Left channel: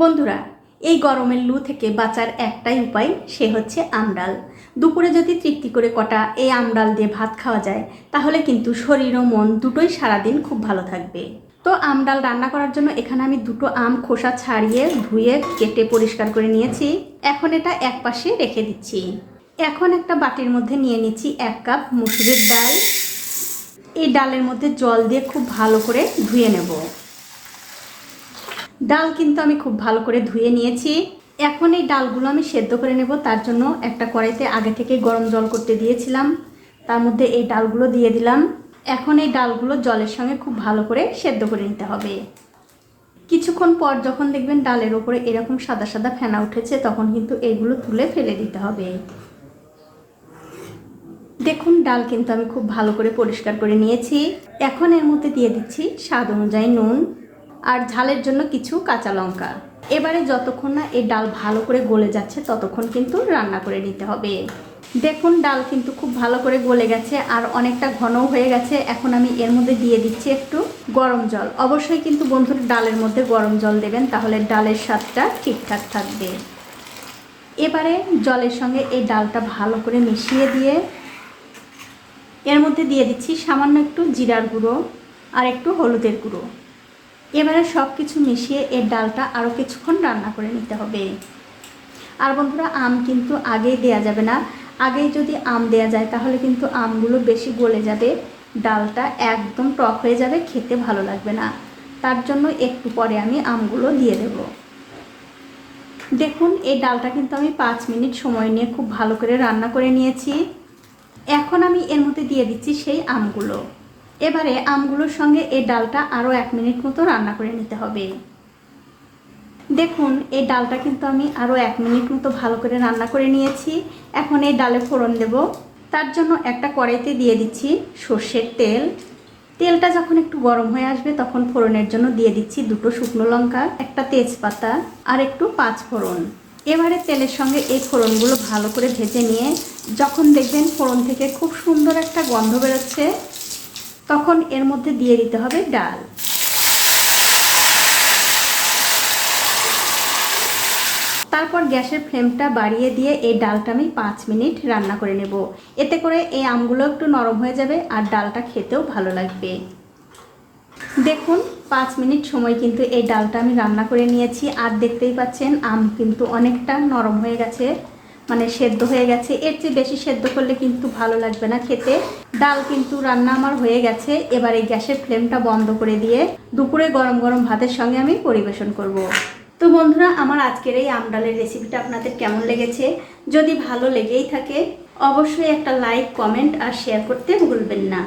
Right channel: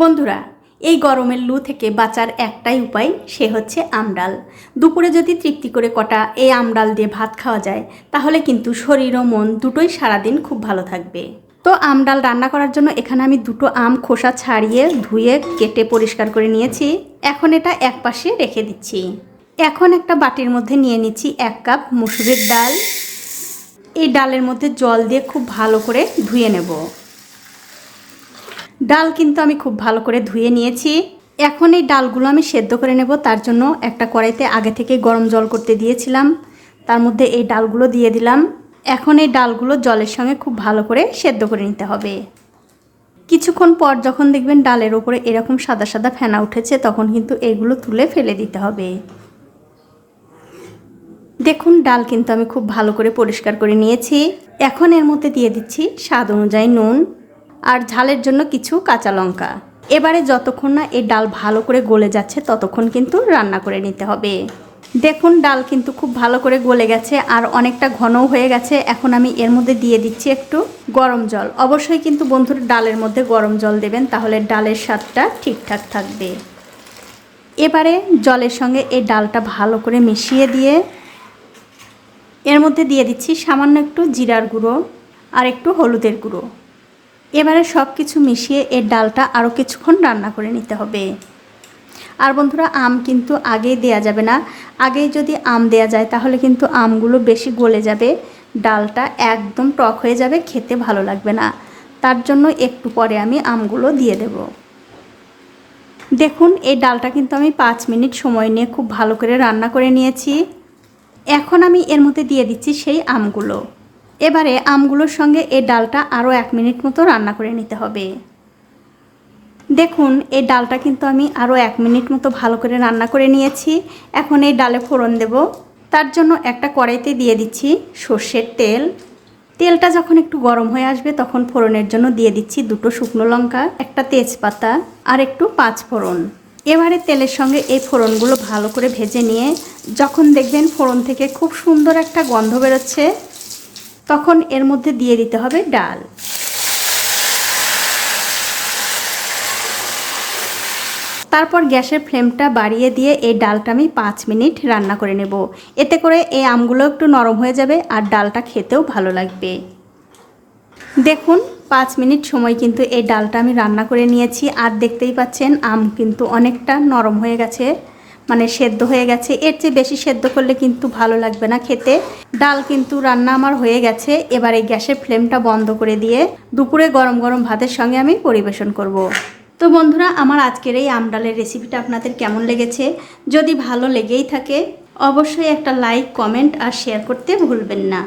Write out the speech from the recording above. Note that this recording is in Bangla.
বন্ধুরা, এই গরমের লু থেকে বাঁচার একটাই উপায় সে হচ্ছে আমডাল। দুপুরে যদি তৃপ্তি করে কটা এই আমডাল দিয়ে ভাত খাওয়া যায়, তাহলে কিন্তু শরীর ও মন দুটোই সারাদিন খুব ভালো থাকবে। তো আমডাল রান্না করার জন্য এখানে আমি দুটো আম খোসা ছাড়িয়ে ধুয়ে কেটে পরিষ্কার করে নিয়েছি। এখন এটা এক পাশে রেখে দিচ্ছি। এখন একটা বাটির মধ্যে নিয়ে নিচ্ছি এক কাপ মুসুরির ডাল। এই ডালের মধ্যে জল দিয়ে খুব ভালো করে ধুয়ে নেব। ডাল কিন্তু আমি খুব ভালো করে ধুয়ে নিয়েছি। এখন এই ডালগুলো আমি সেদ্ধ করে নেব, তার জন্য একটা কড়াইতে আগে থেকে গরম জল করতে দিয়েছিলাম। তার মধ্যে এই ডালগুলো দিয়ে দিলাম। এখন এই ডালগুলো জলের সঙ্গে খুব ভালো করে সেদ্ধ করে নিতে হবে। কিছুক্ষণ পর যখন দেখবেন ডালের ওপরে এরকম সাদা সাদা ফেনা উঠেছে, তখন কিন্তু এগুলো তুলে ফেলে দিতে হবে। দেখুন, ডাল কিন্তু আমি খুব ভালো করে পরিষ্কার করে নিয়েছি। এখন এর মধ্যে দিয়ে দিচ্ছি স্বাদ অনুযায়ী নুন। আর ঝালের জন্য কিছু কাঁচা লঙ্কা। এবারে যতক্ষণ না এই ডাল ভালো করে গলে যাচ্ছে, ততক্ষণ কিন্তু রান্না করে নিতে হবে। দেখুন, ডাল কিন্তু খুব ভালো করে গলে গেছে আর অনেকটা ঘনও হয়ে গেছে। এখন আমি এর মধ্যে দিয়ে দিচ্ছি একটু গরম জল। অবশ্যই কিন্তু বন্ধুর ডালের মধ্যে গরম জল দেবেন, তাহলে ডালের স্বাদটা ঠিকঠাক থাকবে। এবারে জলের সঙ্গে এই ডালটা ভালো করে মিশিয়ে দিয়ে এর মধ্যে দিয়ে দিচ্ছি সামান্য একটু জিরার গুঁড়ো আর একটু হলুদের গুঁড়ো। এবারে সব কিছু মিশিয়ে এর ডালটা আরও কিছুক্ষণ রান্না করে নিতে হবে। আর বন্ধুরা, আম কিন্তু আগেই দেয়া যাবে না। আগেই যদি আম দেয়া যায়, তাহলে কিন্তু আমগুলো বেশি গলে যাবে। ডালটা একদম টক হয়ে যাবে, খেতে ভালো লাগবে না। তার জন্য একটু পরে আমি আমগুলো দিয়ে দেব। দেখুন, এই ডালটা কিন্তু আমি পাঁচ মিনিট সময় নিয়ে খুব ভালো করে রান্না করে নিয়েছি। এখন আমি এর মধ্যে দিয়ে দিচ্ছি সেই আমগুলো। এবারে আমগুলোর সঙ্গে এই ডালটা আরও এক মিনিট মতো রান্না করে নিতে হবে। দেখুন এই ডালটা কিন্তু আমি আরও এক মিনিট মতো ভালো করে রান্না করে নিয়েছি। এখন এই ডালে ফোড়ন দেব। তার জন্য একটা কড়াইতে দিয়ে দিচ্ছি সর্ষের তেল। তেলটা যখন একটু গরম হয়ে আসবে তখন ফোড়নের জন্য দিয়ে দিচ্ছি দুটো শুকনো লঙ্কা, একটা তেজপাতা আর একটু পাঁচ ফোড়ন। এবারে তেলের সঙ্গে এই ফোড়নগুলো ভালো করে ভেজে নিয়ে যখন দেখবেন ফোড়ন থেকে খুব সুন্দর একটা গন্ধ বেরোচ্ছে তখন এর মধ্যে দিয়ে দিতে হবে ডাল। তারপর গ্যাসের ফ্লেমটা বাড়িয়ে দিয়ে এই ডালটা আমি পাঁচ মিনিট রান্না করে নেব। এতে করে এই আমগুলো একটু নরম হয়ে যাবে আর ডালটা খেতেও ভালো লাগবে। দেখুন, পাঁচ মিনিট সময় কিন্তু এই ডালটা আমি রান্না করে নিয়েছি। আর দেখতেই পাচ্ছেন, আম কিন্তু অনেকটা নরম হয়ে গেছে। মানে সেদ্ধ হয়ে গেছে। এর চেয়ে বেশি সেদ্ধ করলে কিন্তু ভালো লাগবে না খেতে। ডাল কিন্তু রান্না আমার হয়ে গেছে। এবার এই গ্যাসের ফ্লেমটা বন্ধ করে দিয়ে দুপুরে গরম গরম ভাতের সঙ্গে আমি পরিবেশন করব। তো বন্ধুরা, আমার আজকের এই আমডালের রেসিপিটা আপনাদের কেমন লেগেছে? যদি ভালো লেগেই থাকে, অবশ্যই একটা লাইক, কমেন্ট আর শেয়ার করতে ভুলবেন না।